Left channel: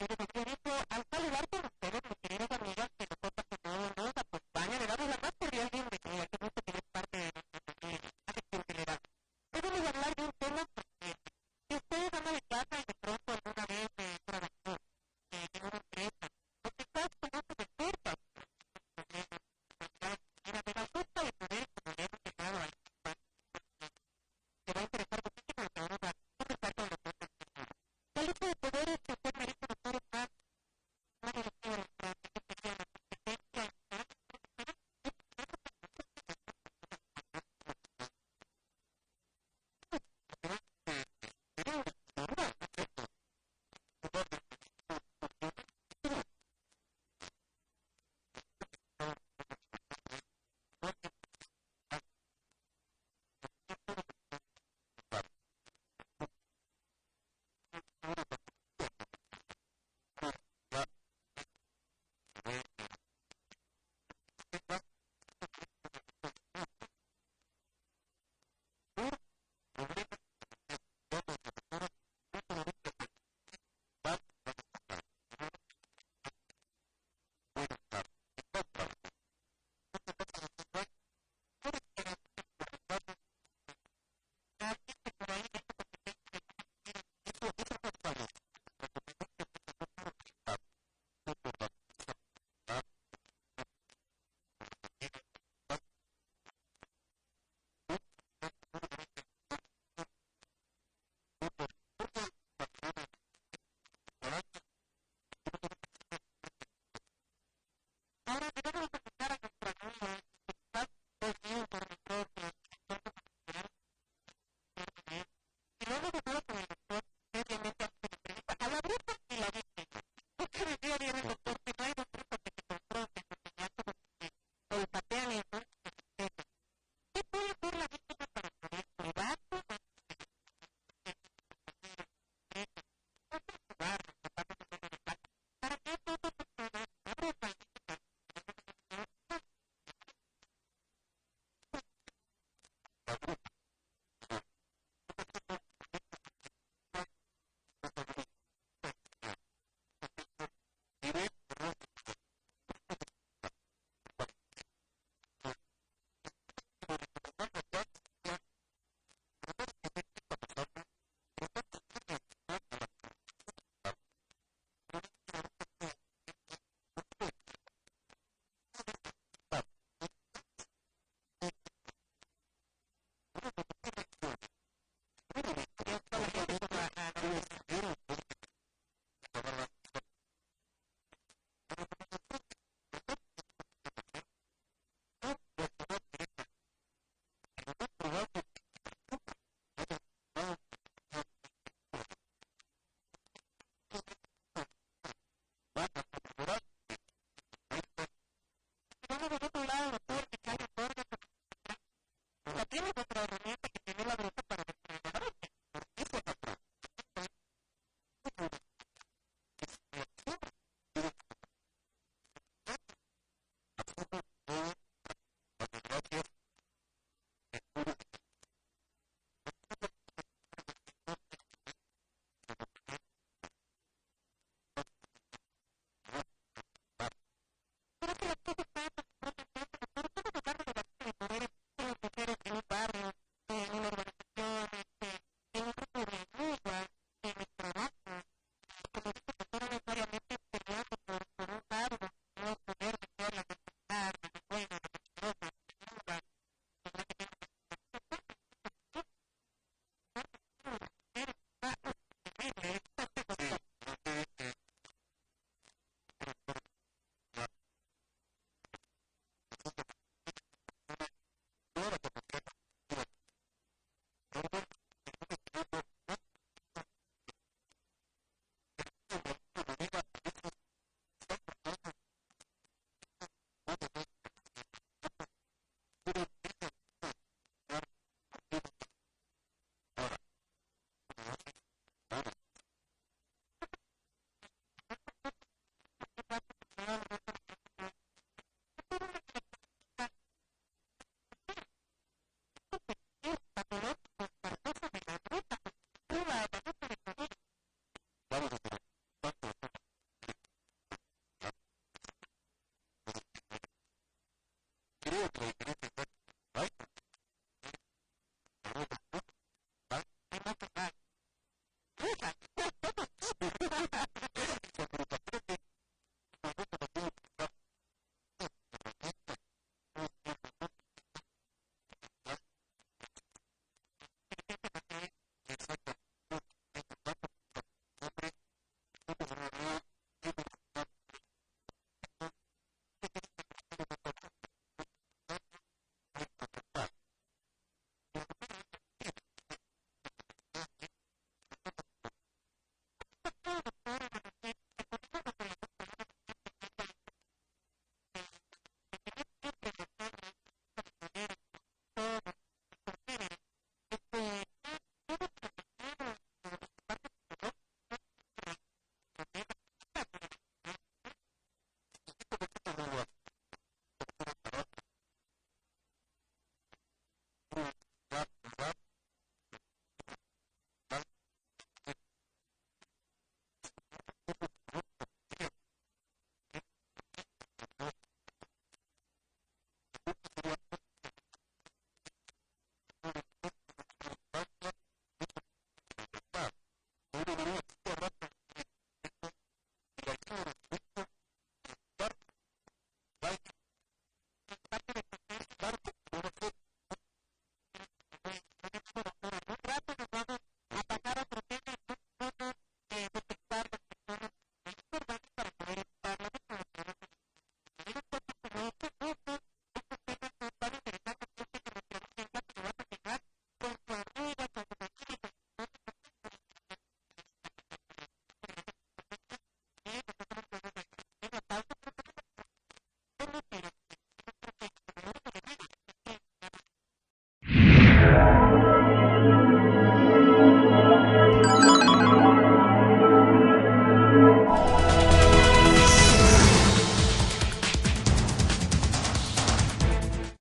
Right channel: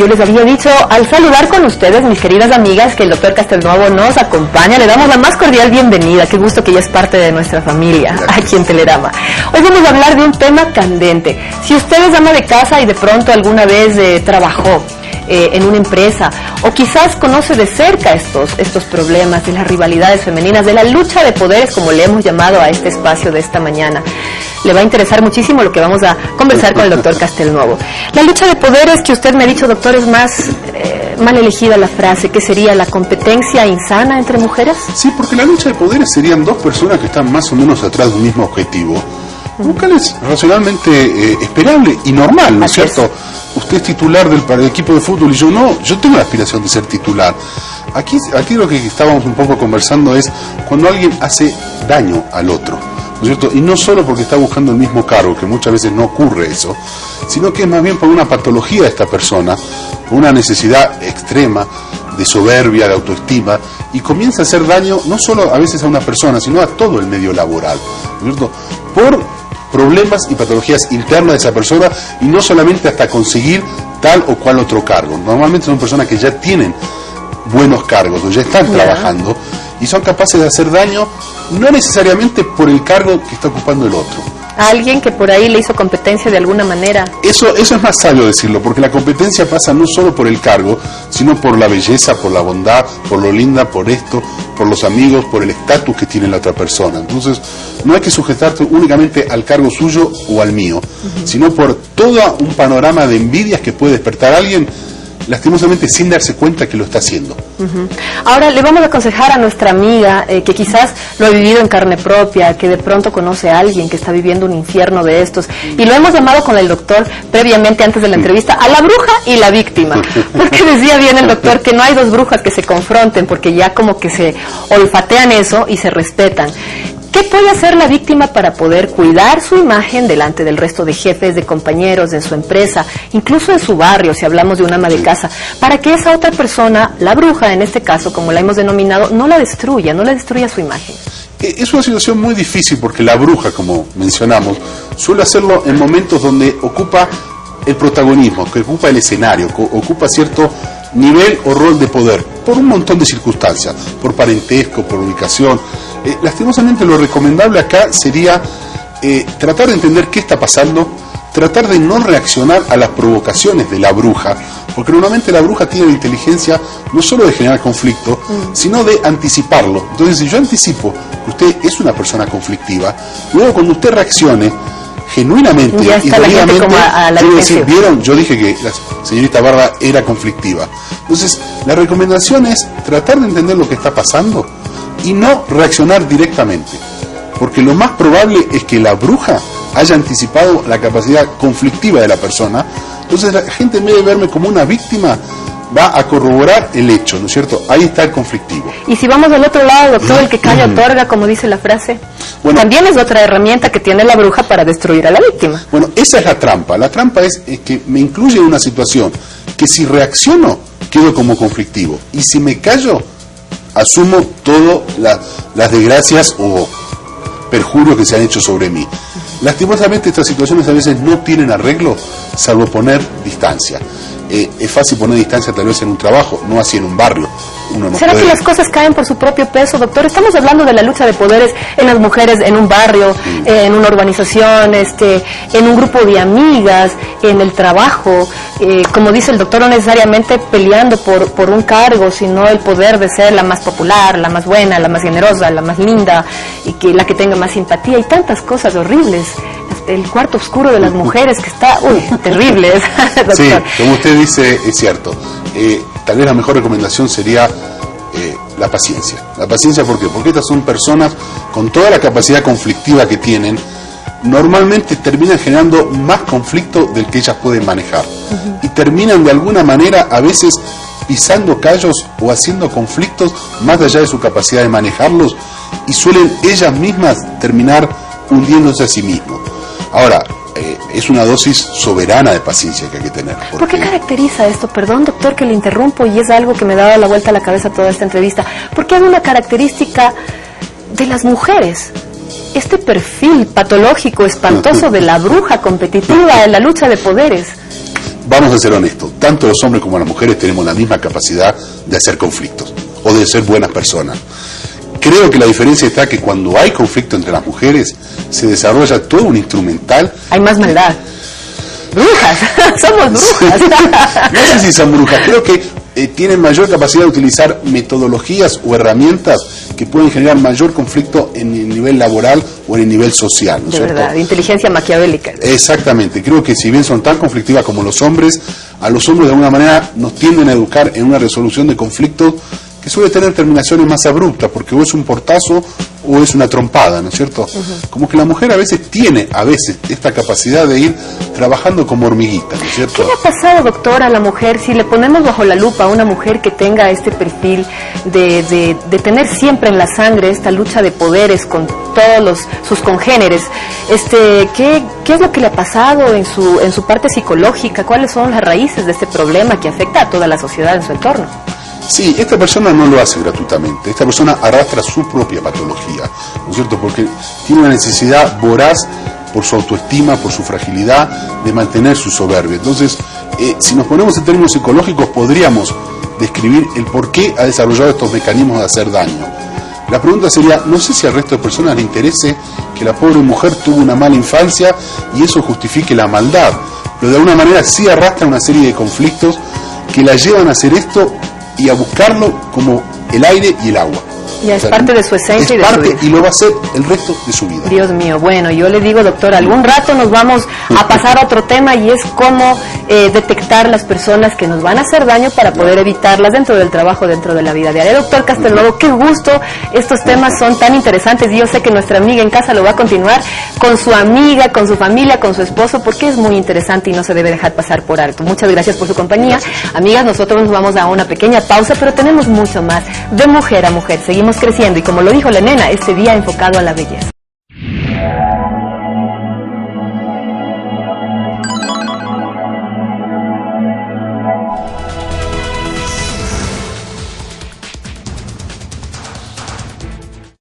Yo les había dicho al saludar con ustedes, mis queridas amigas, que el doctor Castelnuovo nos acompaña. Le damos la más cordial bienvenida. Qué gusto que ella es parte de nuestra familia aquí en Telerama. Hoy vamos a hablar de un tema candente. Si usted es ama de casa y de pronto alguna vez trabajó en una empresa, o quizás conoce de cerca estos problemas de las rivalidades femeninas, de la lucha de poderes, como le hemos llamado a este espacio de esta mañana, le va a interesar muchísimo lo que vamos a conversar con el doctor Castelnuovo. La lucha de poderes, que usted me ha dicho, doctor, es más mal elegida la frase, que sería la competencia insana entre mujeres. Sí, porque la lucha de poderes serían dos personas que están más o menos atrás de un mismo objetivo, lo cual es racionalmente esperable y normal, ¿no es cierto? Usted es titular del equipo de fútbol y yo no. Yo tengo la aspiración de ser titular. Aquí lo que estábamos un poco conversando es cuando alguien hace daño al otro, ¿no es cierto? Y no solo porque está buscando el mismo cargo, que muchas veces no ocurre eso, sino que es más bien por una patología de esta persona, por una necesidad extrema de soberbia, de autoestima, y comienza a hacer daño no solo a veces a una persona, sino a todo el medio laboral, ¿no es cierto? Por problemas y patologías internas de esa persona, y no solamente hasta conseguir tal o cual otro cargo. Normalmente son personas que ya tienen buenos cargos o ya están trabajando y son capaces de hacer daño, no necesariamente por el cargo que está ocupando el otro. A alguien que por ahí le hizo competencia de alguna manera. Eso es más sabio decirlo, porque la competencia pasa no solo por el cargo, sino por la belleza, por la bondad, por lo linda, por esto, por los amigos, por el estatus que tiene la otra persona. Entonces, no hay que sujetarte únicamente al cargo suyo o al mío, sino por todo un panorama de envidias que puede despertar a alguien, lastimosamente sin darse cuenta que lo está haciendo. Ahora le vamos a aconsejar a nuestra amiga que quizás lo ha vivido en carne propia, que de pronto conoce a alguien que está viviendo un infierno de estos, y lo hemos llamado con el doctor previamente, antes de la entrevista, a la bruja y la víctima, porque decía bien el doctor que no hay dos brujas que se confronten, porque ya como que se olfatean eso y se respetan. ¿Qué puede hacer la víctima para poder cuidar su imagen delante del resto de jefes, de compañeros, de su empresa, incluso de su barrio, si hablamos de una ama de casa, para que esa otra persona, la bruja en este caso, como la hemos denominado, no la destruya su imagen? Es una situación muy difícil porque la bruja, como mencionamos, suele hacerlo en momentos donde ocupa el protagonismo, que ocupa el escenario, que ocupa cierto nivel o rol de poder, por un montón de circunstancias, por parentesco, por ubicación. Lastimosamente lo recomendable acá sería tratar de entender qué está pasando, tratar de no reaccionar a las provocaciones de la bruja, porque normalmente la bruja tiene la inteligencia no solo de generar conflicto, sino de anticiparlo. Entonces, si yo anticipo que usted es una persona conflictiva, luego cuando usted reaccione genuinamente y debidamente, yo decir, ¿vieron? Yo dije que la señorita Barba era conflictiva. Entonces, la recomendación es tratar de entender lo que está pasando y no reaccionar directamente, porque lo más probable es que la bruja haya anticipado la capacidad conflictiva de la persona. Entonces la gente, en vez de verme como una víctima, va a corroborar el hecho, ¿no es cierto? Ahí está el conflictivo. Y si vamos del otro lado, doctor, el que calla otorga, como dice la frase, bueno, también es otra herramienta que tiene la bruja para destruir a la víctima. Bueno, esa es la trampa. La trampa es que me incluye en una situación que si reacciono, quedo como conflictivo, y si me callo, asumo todas las desgracias o perjurios que se han hecho sobre mí. Lastimosamente estas situaciones a veces no tienen arreglo, salvo poner distancia. Es fácil poner distancia tal vez en un trabajo, no así en un barrio. Uno no ¿Será puede... que las cosas caen por su propio peso, doctor? Estamos hablando de la lucha de poderes en las mujeres, en un barrio, en una urbanización, en un grupo de amigas, en el trabajo. Como dice el doctor, no necesariamente peleando por un cargo, sino el poder de ser la más popular, la más buena, la más generosa, la más linda, y que la que tenga más simpatía, y tantas cosas horribles. El cuarto oscuro de las mujeres que está, terrible, doctor. Sí, como usted dice, es cierto. Tal vez la mejor recomendación sería la paciencia. La paciencia, ¿por qué? Porque estas son personas con toda la capacidad conflictiva que tienen, normalmente terminan generando más conflicto del que ellas pueden manejar. Y terminan de alguna manera a veces pisando callos o haciendo conflictos más allá de su capacidad de manejarlos, y suelen ellas mismas terminar hundiéndose a sí mismas. Ahora, es una dosis soberana de paciencia que hay que tener. ¿Por qué caracteriza esto? Perdón, doctor, que le interrumpo, y es algo que me daba la vuelta a la cabeza toda esta entrevista. ¿Por qué hay una característica de las mujeres? Este perfil patológico, espantoso de la bruja competitiva en la lucha de poderes. vamos a ser honestos, tanto los hombres como las mujeres tenemos la misma capacidad de hacer conflictos o de ser buenas personas. Creo que la diferencia está que cuando hay conflicto entre las mujeres se desarrolla todo un instrumental. Hay más maldad. Brujas, somos brujas. No sé si son brujas, creo que tienen mayor capacidad de utilizar metodologías o herramientas que pueden generar mayor conflicto en el nivel laboral o en el nivel social, ¿no es cierto? Verdad, inteligencia maquiavélica. Exactamente, creo que si bien son tan conflictivas como los hombres, a los hombres de alguna manera nos tienden a educar en una resolución de conflictos que suele tener terminaciones más abruptas, porque o es un portazo o es una trompada, ¿no es cierto? Como que la mujer a veces tiene esta capacidad de ir trabajando como hormiguita, ¿no es cierto? ¿Qué le ha pasado, doctor, a la mujer si le ponemos bajo la lupa a una mujer que tenga este perfil de tener siempre en la sangre esta lucha de poderes con todos sus congéneres? ¿Qué es lo que le ha pasado en su parte psicológica? ¿Cuáles son las raíces de este problema que afecta a toda la sociedad en su entorno? Sí, esta persona no lo hace gratuitamente, esta persona arrastra su propia patología, ¿no es cierto? Porque tiene una necesidad voraz por su autoestima, por su fragilidad, de mantener su soberbia. Entonces, si nos ponemos en términos psicológicos, podríamos describir el por qué ha desarrollado estos mecanismos de hacer daño. La pregunta sería, no sé si al resto de personas le interese que la pobre mujer tuvo una mala infancia y eso justifique la maldad, pero de alguna manera sí arrastra una serie de conflictos que la llevan a hacer esto y a buscarlo como el aire y el agua. Ya es parte de su esencia y de su vida. Y lo va a hacer el resto de su vida. Dios mío, bueno, yo le digo, doctor, algún rato nos vamos a pasar a otro tema y es cómo detectar las personas que nos van a hacer daño para poder evitarlas dentro del trabajo, dentro de la vida diaria. Doctor Castelnuovo, qué gusto, estos temas son tan interesantes y yo sé que nuestra amiga en casa lo va a continuar con su amiga, con su familia, con su esposo, porque es muy interesante y no se debe dejar pasar por alto. Muchas gracias por su compañía. Gracias. Amigas, nosotros nos vamos a una pequeña pausa, pero tenemos mucho más de Mujer a Mujer. Seguimos creciendo y como lo dijo la nena, este día enfocado a la belleza.